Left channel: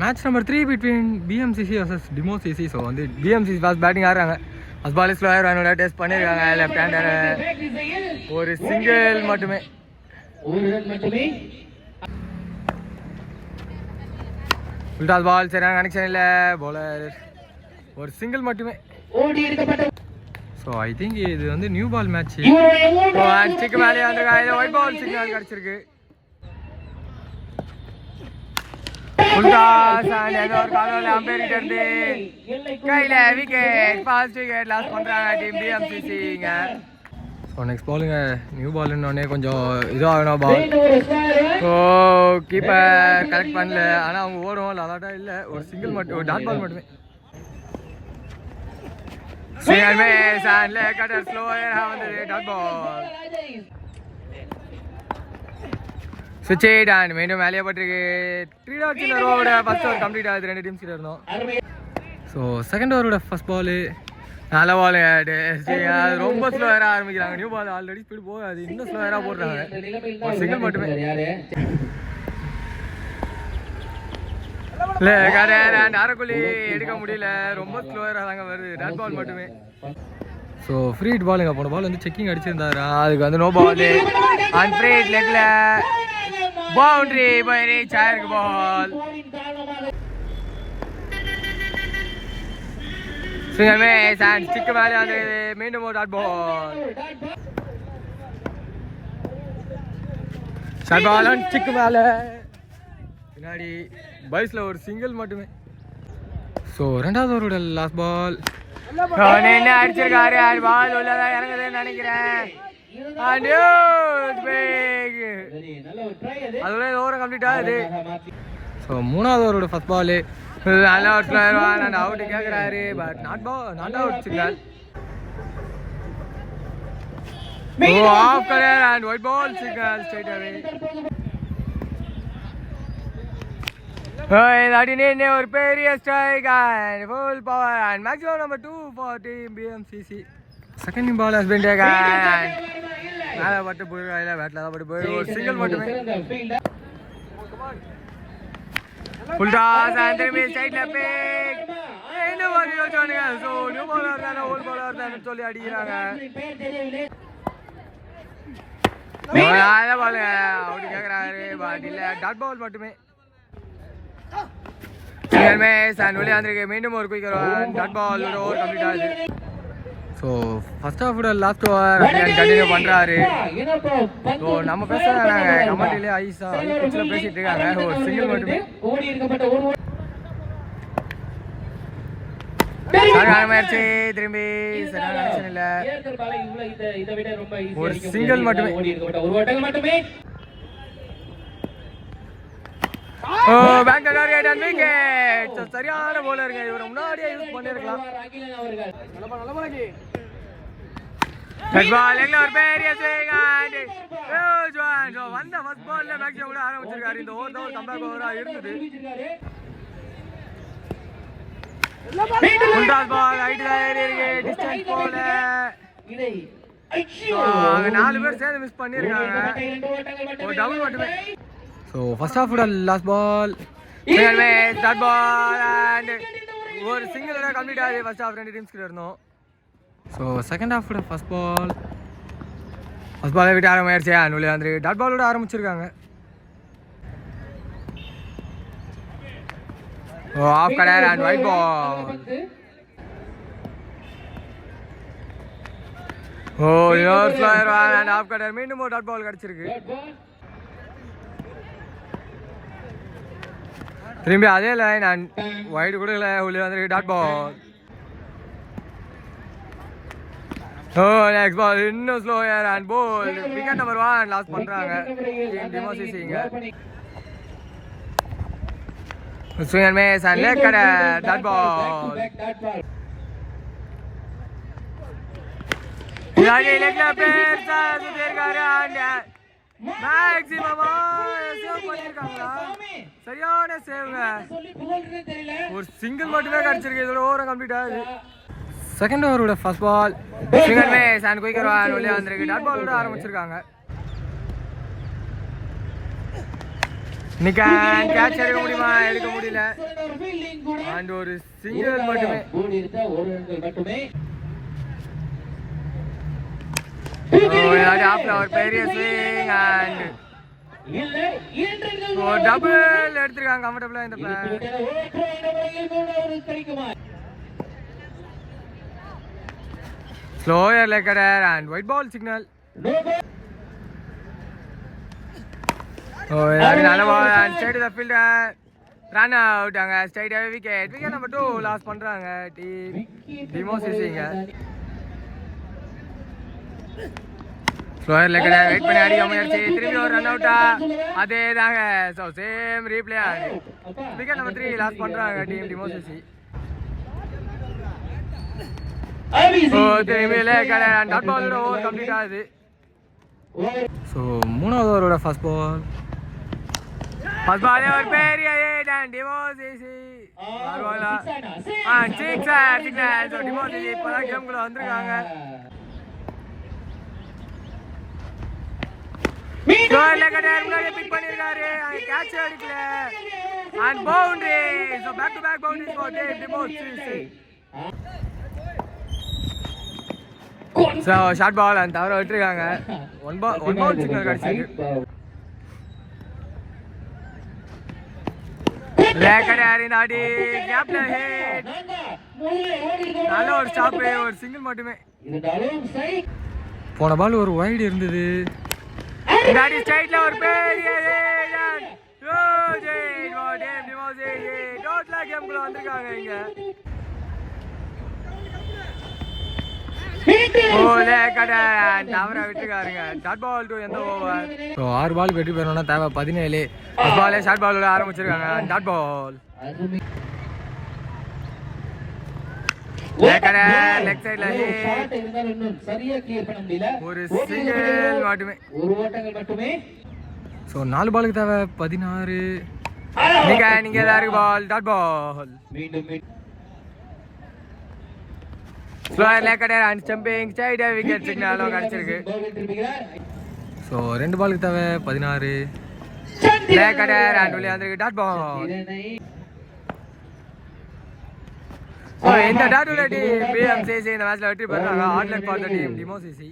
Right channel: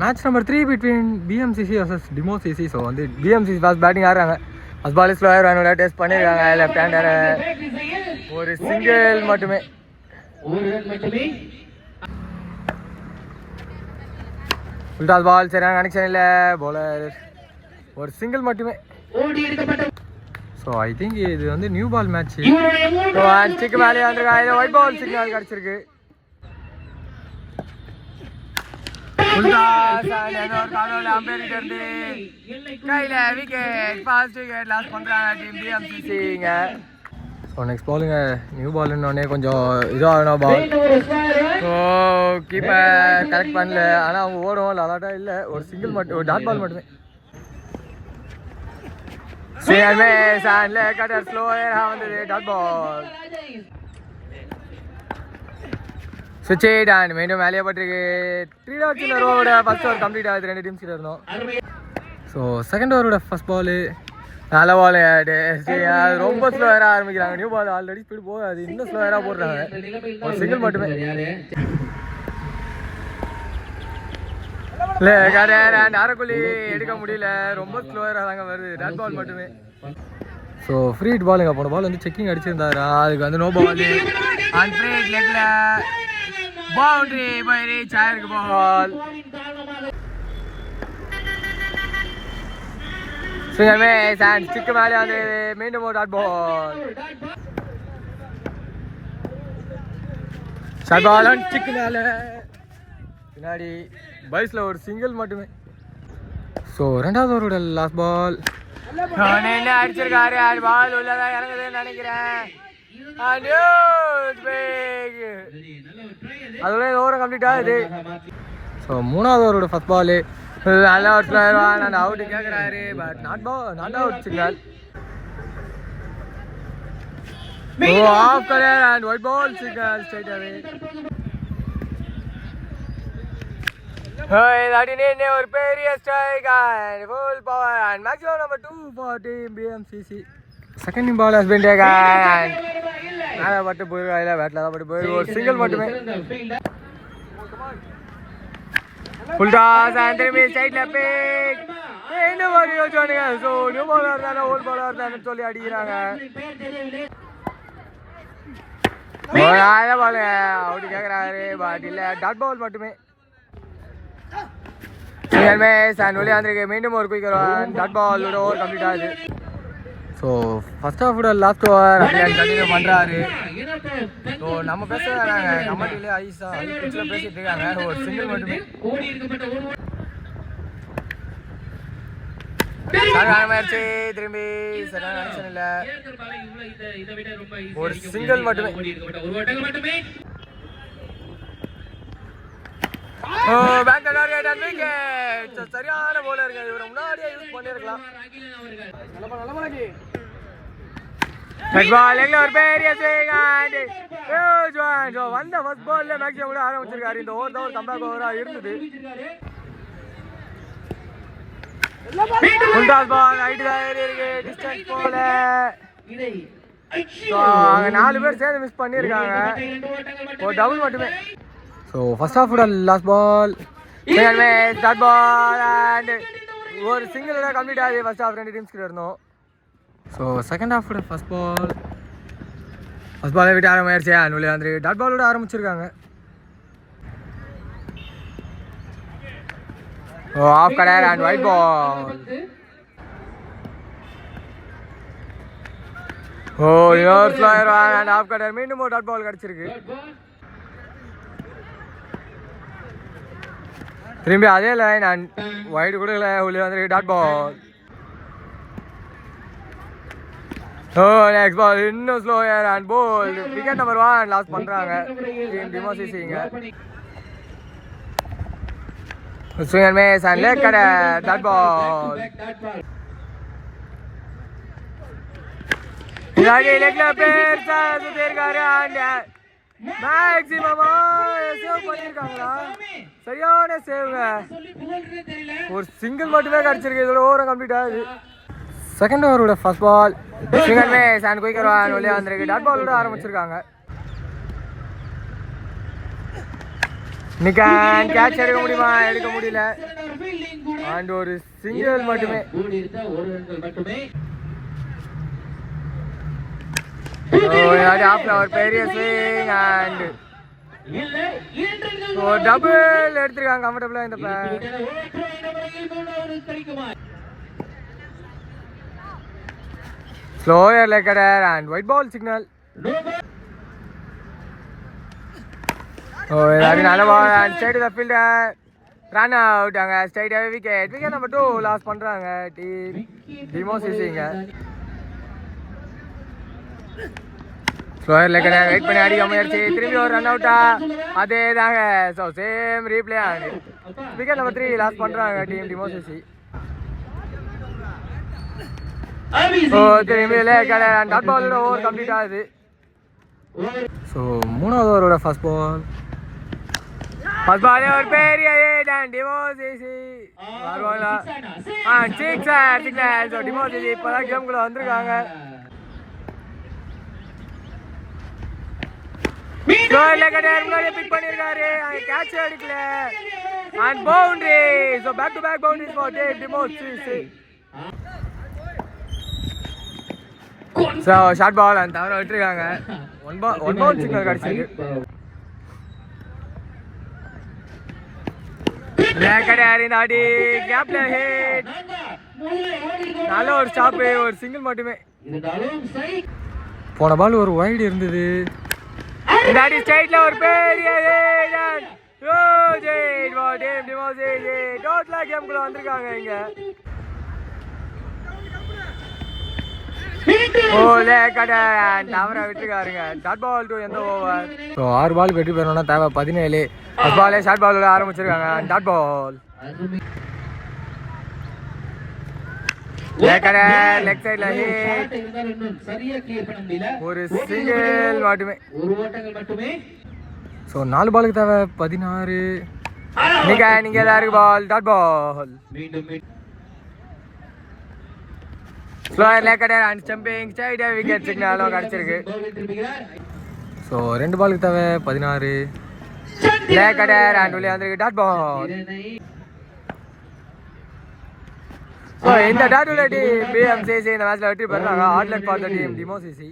Match number 3 between PMCC vs demo CC. So வந்து PMCC first batting ஆடுறாங்க. First ball slower வேணும்ல test பண்ணியிருக்காங்க. Left hander ஒரு single மட்டுமே. ஃபுல் பால் சரியான கனெக்ஷன் இல்லை. பவுலர் ஒரு சிங்கிள் மட்டுமே. ஸோ ஐ திங்க் இது வந்து நியூ பால் மேட்ச். ஸோ அஞ்சுக்கு மேலே வந்துருக்காங்க. ஒயிட் பால் சிக்னல் கிடச்சிருக்கு. கையில விக்கெட் ஃபாஸ்ட் விக்கெட் லாஸ் பண்றாங்க டீம் பிஎம்சிசிங்க. ஸோ நெக்ஸ்ட் பாலுங்க நியூ பால்னோடனே கொஞ்சம் இதாகணும் பால். ஸோ கீப்பர் கரெக்ட் பண்ணல. ஆனால் அவங்க ஓடும் லலாட்டா இல்லை. ஒரு சிங்கிள் மட்டும் ஒரு டாட் பால் மட்டுமே. கட்டர் ஸ்லோயராக வந்தது டாட் பால். சுவிட்ச் அண்ட் மீண்டும் வேலையை பட்டிருக்கு. 3 டாட்ஸ் இந்த ஓவரோட ஃபர்ஸ்ட் ஓவர் கம்ப்ளீட் ஆகுது. 2 டீம்ஸ் கிட்ட இருந்தோம். ஸோ செகண்ட் ஓவரோட ஃபர்ஸ்ட் பால் நல்ல பால். ரொம்ப ஸ்லோயராக ஆரம்பிக்கிறாங்க. நியூ பால் ஆல்ரெடி ஸ்பீடு போகாது. இன்னும் ஸ்லோயராக போடுறாங்க. ஒரு சிங்கிள் மட்டுமே. இல்லை கட்டர் அண்ட் அரைக்குழி எடுக்க முடியல. ரொம்ப ஸ்லோயராக தாங்க வருது. டாட் பால் மட்டுமே. ஸோ ஃப்ரீ ஹிட் பாலுங்க. போன பால் வந்து செக்கிங் அடிச்சிருந்தாரா. அதுக்கு வந்து no ball. And free hit லெக்ல பவுண்டரி போய் ரீச் ஆயிருக்கு பால். ஸ்டிக்கு மேலே அது மீண்டும் ஒரு dot ball. Short ball and ஸ்டிக்கு மேலே பின்னாடி பைஸில் ஒரு சிங்கிள் மட்டுமே. ஸோ ரெண்டாவது ஓவரோட லாஸ்ட் பால் என்ன அடிச்சிருக்காரு. பால் உள்ளதான் இறங்குதுன்னு நினைக்கிறேன். அதோட ஓவரை கம்ப்ளீட் ஆகுது. ஸோ மூணாவது ஓவரோட ஃபர்ஸ்ட் பால் நல்ல ஒரு ஸ்லோயர் அண்ட் அவுட் கேட்குறாரு. But not out signal. Oh off colour and white ball signal straight away. ஒரு பெரிய strike and full power and maximum number 2 for team BMCC. Second ball has been taken. மேலே பட்டு போயிருக்காங்க. Battle தான் பட்டு போயிருக்கு. ஒரு சிங்கிள் மட்டுமே. ஃபுல் டாஸ் அண்ட் திரும்பி சைட்ல பிக். என்ன மாதிரி யோசிச்சானுங்க. ஸோ நியூ பாலர் தானே ஓல்ட் பாலர் தானே சொல்லி அடிக்கிறாங்க. பால் அவுட் கேட்குறாரு. பட் இல்லை டாட் பால் மட்டுமே. வெளியே வந்திருக்கு. மீண்டும் ஒரு quick dot ball over complete ஆகுது. ஸோ ஃபர்ஸ்ட் ஹாஃபோட லாஸ்ட் ஓவர் கண்டினியூ பண்ணுறாரு. ஸோ நம்ம பேசுகிறாங்க கமெண்ட்லேயே ஐஸா ஐச்சில் பேசிகிட்டு இருக்காங்க. ஒரு சிங்கிள் மட்டுமே. ஆயிடுச்சு. திரும்பி சரியான கனெக்ஷன் இல்லை. ஒரு சிங்கிள் மட்டுமே. சரியான போலருங்க. இவரை முன்னாடியே யூஸ் பண்ணிருக்கலாம். வந்த ஃபர்ஸ்ட் பால்ல மேக்ஸிமம் கூட ஆரம்பிச்சிருக்காரு. இந்த ஓவர் தான் ஒரு கம்பேக் ஓவரா இருந்தது. போல 4 பேர் சேர்ந்து மிஸ் பண்ணிருக்காங்க. ஒரு டபுள் மட்டுமே. ஸோ ஃபர்ஸ்ட் ஹாஃபோட last ball dot ball and ஒரு சிங்கிள் கம்ப்ளீட் ஆகி ஃபர்ஸ்ட் ஹாஃப் 2 டீம்ஸ் கிட்ட இருந்தோம். ஸோ செகண்ட் ஹாஃபோட ஃபர்ஸ்ட் பால் விட்டு ஆரம்பிச்சு அண்ட் வெளியே வந்து டாட் பாலோட ஆரம்பிச்சிருக்காங்க. Oh off colour and white ball. Oh your slower and off cutter. மீண்டும் ஒரு டாட் பால் கிடச்சிருக்கு. திரும்பி அதே லைன் அண்ட் ஒயிட் கொடுக்கல. உள்ளே வந்து டாட் பால். ஓ நெக்ஸ்ட் பால் இன்னும் slower and bowled. Wicket number 1 loss பண்றாங்க டிமோ சிசிங்க. Swing miss and leg cutter dot பால். இதாகி லேக்ல பேர்சா சுத்திருக்காரு அண்ட் மேக்ஸிமமா சேவ் பண்ணிருக்காங்களா. சரியான சேவ்ங்க. ஒரு சிங்கிள் மட்டுமே கிடைச்சிருக்கு. இதோட ஓவர் கம்ப்ளீட் ஆகுது. செகண்ட் ஓவரோட ஃபர்ஸ்ட் பால் குயிக்கர் வெளியே வந்திருக்கு. டாட் பாலோட ஆரம்பிச்சிருக்காங்க. நிக்கான் கேட்ச் எடுக்க முடியுமா? எடுக்க முடியல. அண்ட் ஒரு சிங்கிள் மட்டுமே. ஒரு பெரிய ஸ்விங் அண்ட் டபுள் எடுத்திருக்காங்க கம்ஃபர்டபுளா இந்த slower leg cutter and white ball signal. நல்ல ball and straight the fielder. Run out. அங்க ஸ்ட்ரைட்டாவே விக்கெட். விக்கெட் நம்பர் 2 லாஸ் பண்றாங்க டீம் டிமோசிசிங்க. ஸ்லோயர் லெக்கடர் வெயிட் பண்ணி அடிக்க முயற்சி. திரும்பி ஒரு ரன் அவுட்டா? அதே தாங்க. ஸோ சேம் ரீப்ளே ஆகுது. விக்கெட் நம்பர் 3 லாஸ் பண்றாங்க டீம் டிமோசிசி. திரும்பி லெக்கடர் அண்ட் டாட் பாலோட ஓவர் கம்ப்ளீட் ஆகுது. ஸோ மூணாவது ஓவரோட ஃபர்ஸ்ட் பால். ஃபர்ஸ்ட் பால் ஒரு பெரிய ஹிட் அண்ட் டிமோசிசி வருவாங்களா? Sixer signal. ஸோ டிமோசிசி இப்போதான் கேம்குள்ள வந்திருக்காங்க. பிக் பண்ணிருக்காரு. கேட்ச் அடிக்கல and boundary. So back to back boundary for டிமோசிசி. ஸோ ஷார்ட் பால் அண்ட் தவற விட்டுருக்காங்க. ஒன் பவுல் சிக்னல் கிடைச்சிருக்கு. நல்ல ஒரு ஸ்டாப். ஒரு சிங்கிள் மட்டுமே. போன பால் ஒரு வைடு இருந்தது. ஒரு பெரிய கேம்குள்ள வந்திருக்காங்க இங்க. விட்டுருக்காருங்க. டாட் பால் டு எந்த ஓவர். ஸோ 6 பால் வெற்றி பெறணும்னா தேவை 17. ஃபர்ஸ்ட் பாலே ஷார்ட் பால் ஆரம்பிச்சிருக்காங்க. டாட் பால் லெக் சைட்ல ஒரு சிங்கிள் மட்டுமே. ஸோ 4 பாலுக்கு தேவை 16. நீங்க எல்லாருக்கு ball. Dot ball. Slower leg cutter and stumping straight wicket சிக்னலும் கிடைச்சிருக்கு. ஸோ 2 பாலுக்கு தேவை 16. லெக்கடர் அண்ட் உள்ளே வந்திருக்கு. Dot ball. ஸோ இந்த டாட் டீம் பிஎம்சிசி இந்த மேட்ச்ல வெற்றி பெறாங்க. All luck for the team டிமோசிசி.